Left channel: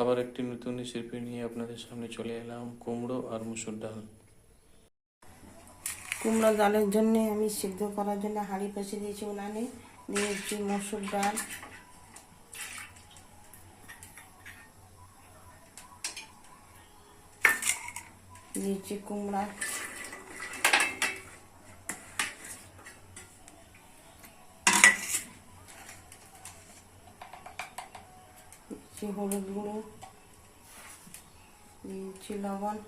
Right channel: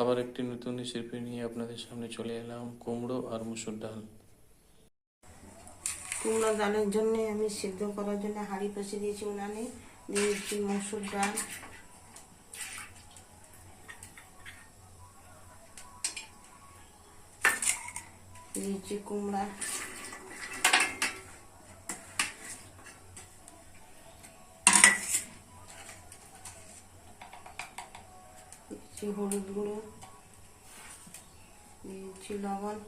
আবার একটি নতুন রেসিপি নিয়ে আপনাদের সামনে চলে এলাম, কুমড়ো আর মুসুর ডাল। কুমড়ো ডালের জন্য আমি সিদ্ধ করার জন্য হাঁড়ি পচে দিয়েছি উনানে নিয়েছি মসুর ডাল। দিয়েছি কুমড়া। দিয়েছি হলুদ গুঁড়ো দিয়েছি লবণ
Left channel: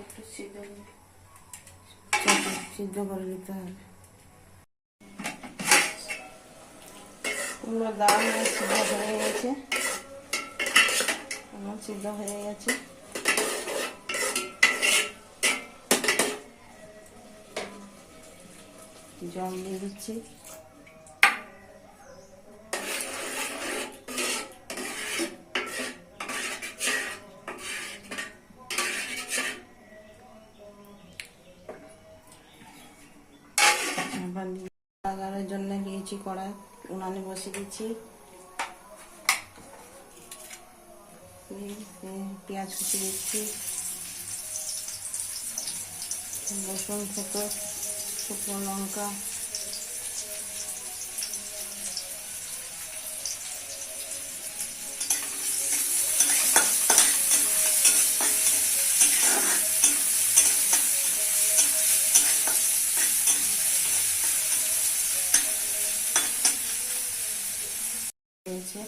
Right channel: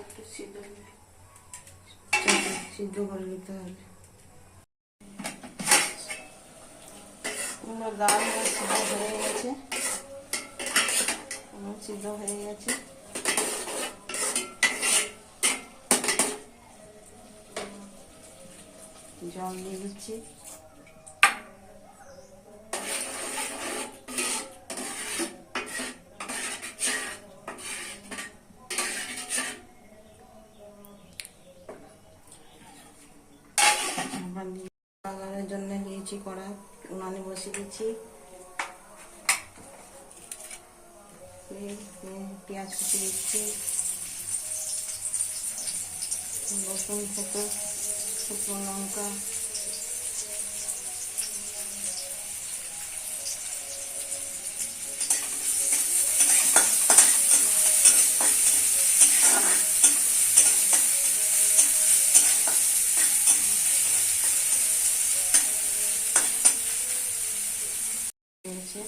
একটু সিদ্ধ সিদ্ধ করে নিতে হবে। কুমড়ো আমার সিদ্ধ হয়ে গেছে। আমার সিদ্ধ হয়ে গেছে। জল দিয়ে দিচ্ছি। নিয়েছি কড়াই উনানে বসিয়ে দিচ্ছি। পেঁয়াজ কুচি দিচ্ছি। রসুন থেতো শুকনো লঙ্কা দিয়েছে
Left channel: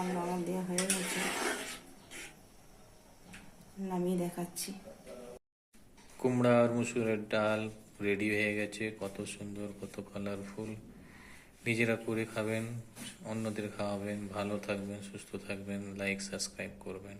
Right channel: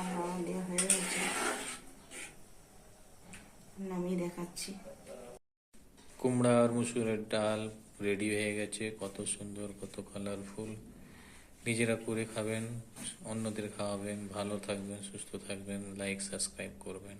রান্না দেওয়া হয়ে গেছে। নামিয়ে দেখাচ্ছি। কুমড়া আর মুসুরের ডাল রেডি হয়ে গেছে। কত সুন্দর, কত কালারফুল নিজেরা করে খাবেন, অন্যদের খাওয়াবেন। ভালো থাকবেন, সুস্থ থাকবেন। লাইক সাবস্ক্রাইব করবেন।